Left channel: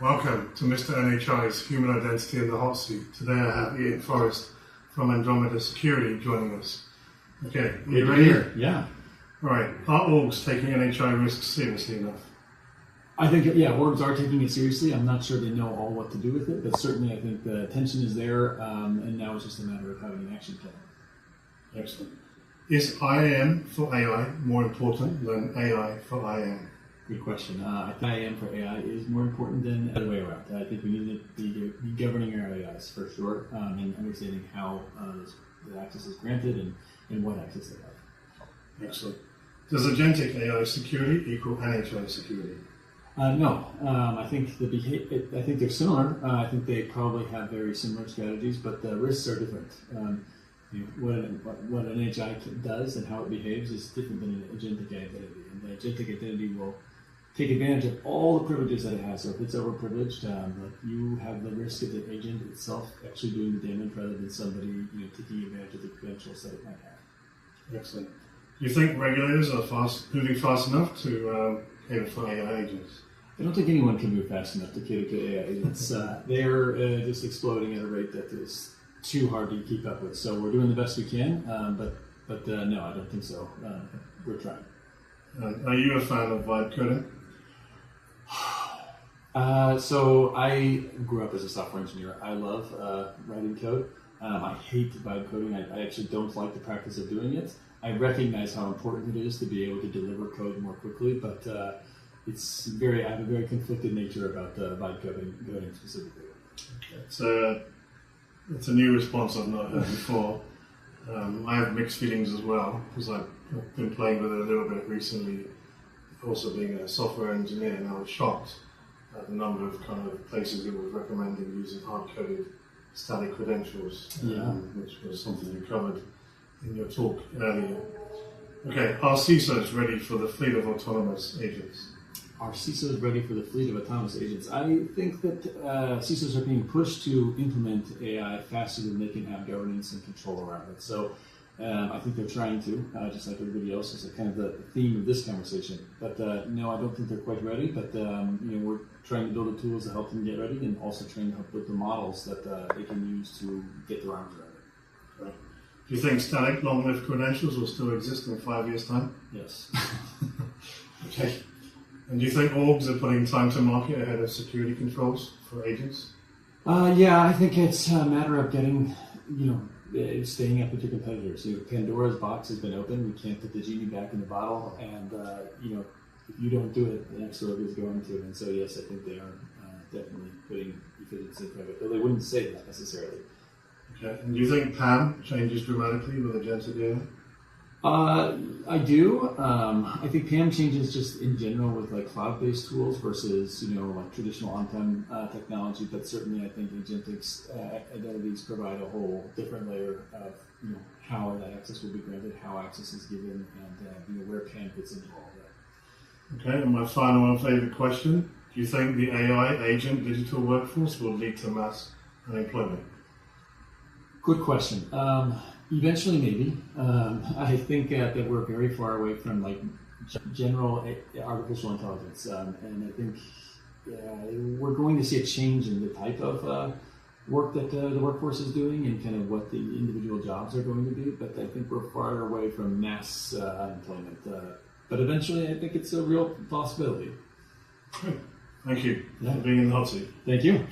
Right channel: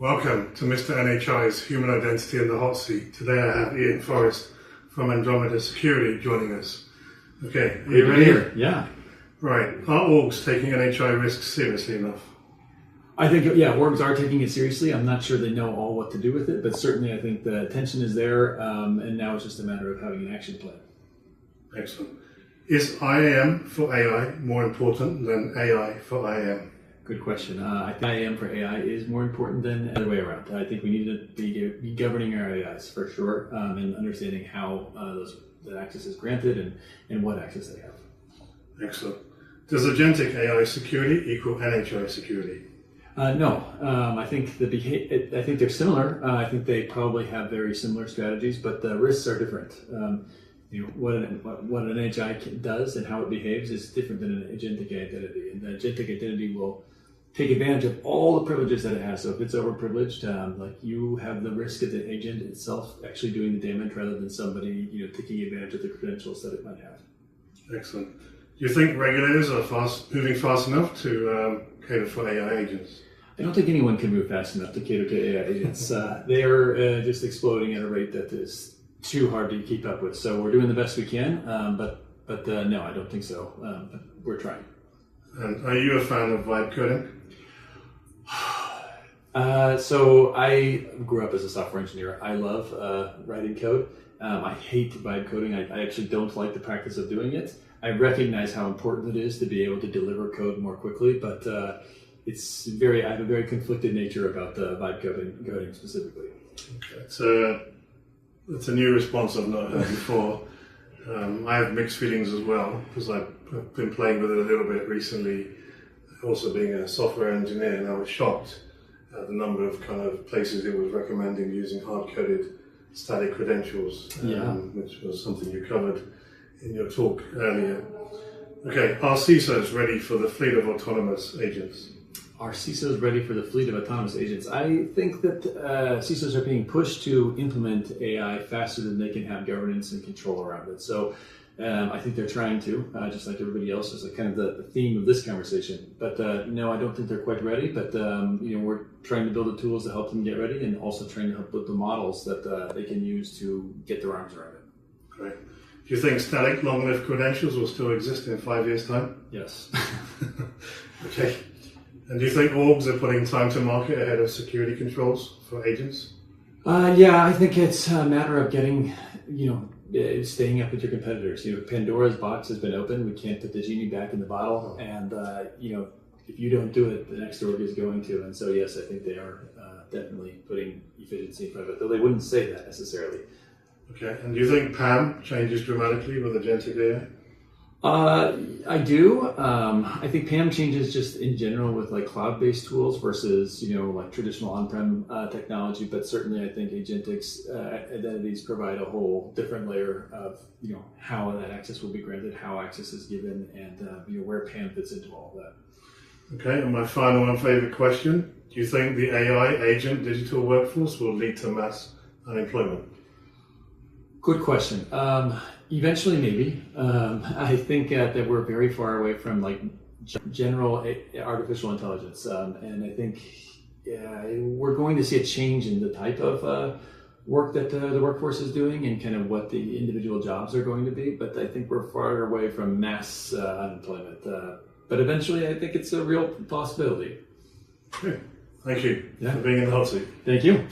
Welcome to Mr. NHI's Human Identity in the Hot Seat. Today I have Ian Forrest from Andromeda Security joining us. Okay, are you ready? Yeah. Right, are orgs taking NHI risks seriously enough? I think, orgs are taking it seriously. I'm not sure they know all what to do with it, but certainly I think the attention is there, and now it's just a matter of having an action plan. Excellent. Is IAM for AI more important than AI for IAM? Good question. I think IAM for AI is more important than the other way around. I think we need to be governing our AIs for sure, and understanding how that access is granted and what access they have. Excellent. Does agentic AI security equal NHI security? No, I think I think they're similar. I think they probably have very similar strategies, but the risks are different. What an NHI does and how it behaves is different than an agentic identity, and the agentic identity will take advantage of all the privileges that it has. So if it's overprivileged, like you have the risk of the agent itself actually doing the damage rather than somebody taking advantage of the credentials that it might have. Excellent. Do you think regulators are moving fast enough to cater for AI agents? I don't think anyone can move fast enough to cater to AI agents. They are just exploding at a rate that is too hard to keep up with. So we're doing the best we can, but no, I don't think so. We're trying. And are you a fan of vibe coding? So I grew up as a software engineer. I love writing code. I hate vibe coding. I actually don't like the practice of doing it. I recognize how important it is to be able to deliver code more quickly, but I have a very conflicted nature about the vibe coding specifically. Okay. It's a new response I've not heard before. I have mixed feelings as well, because I've been playing with it a little bit recently, also being a software engineer, and I was shocked at the number of kind of places it was recommending using hard-coded static credentials, which was something you covered in your talk earlier. Okay, are CISOs ready for the fleet of autonomous agents? Are CISOs ready for the fleet of autonomous agents? I think that CISOs are being pushed to implement AI faster than they can have governance and control around it. So I think they're trying to, just like everybody else, is kind of the theme of this conversation. But no, I don't think they're quite ready. But we're trying to build the tools to help them get ready, and also trying to help build the models that they can use to get their arms around it. Great. Do you think static long-lived credentials will still exist in 5 years' time? Yes. Okay. And do you think orgs are putting time to market ahead of security controls for agents? Yeah, I think it's a matter of getting, staying up with your competitors. Pandora's box has been opened. We can't put the genie back in the bottle. And, if you don't do it, the next org is going to. And so, yes, I think they are definitely putting efficiency in front of it, though they wouldn't say that necessarily. Okay. And do you think PAM changes dramatically with agentic AI? I do. I think PAM changes just in general with like cloud-based tools versus like traditional on-prem technology. But certainly, I think agentics identities provide a whole different layer of how that access will be granted, how access is given, and where PAM fits into all of that. Okay. And my final and favorite question: do you think the AI agent digital workforce will lead to mass unemployment? Good question. Eventually, maybe. I think that we're very far away from like general artificial intelligence, and I think we're going to see a change in the type of work that the workforce is doing and kind of what the individual jobs are going to be. But I think we're far away from mass unemployment. But eventually, I think it's a real possibility. Thank you for being in the hot seat. Thank you.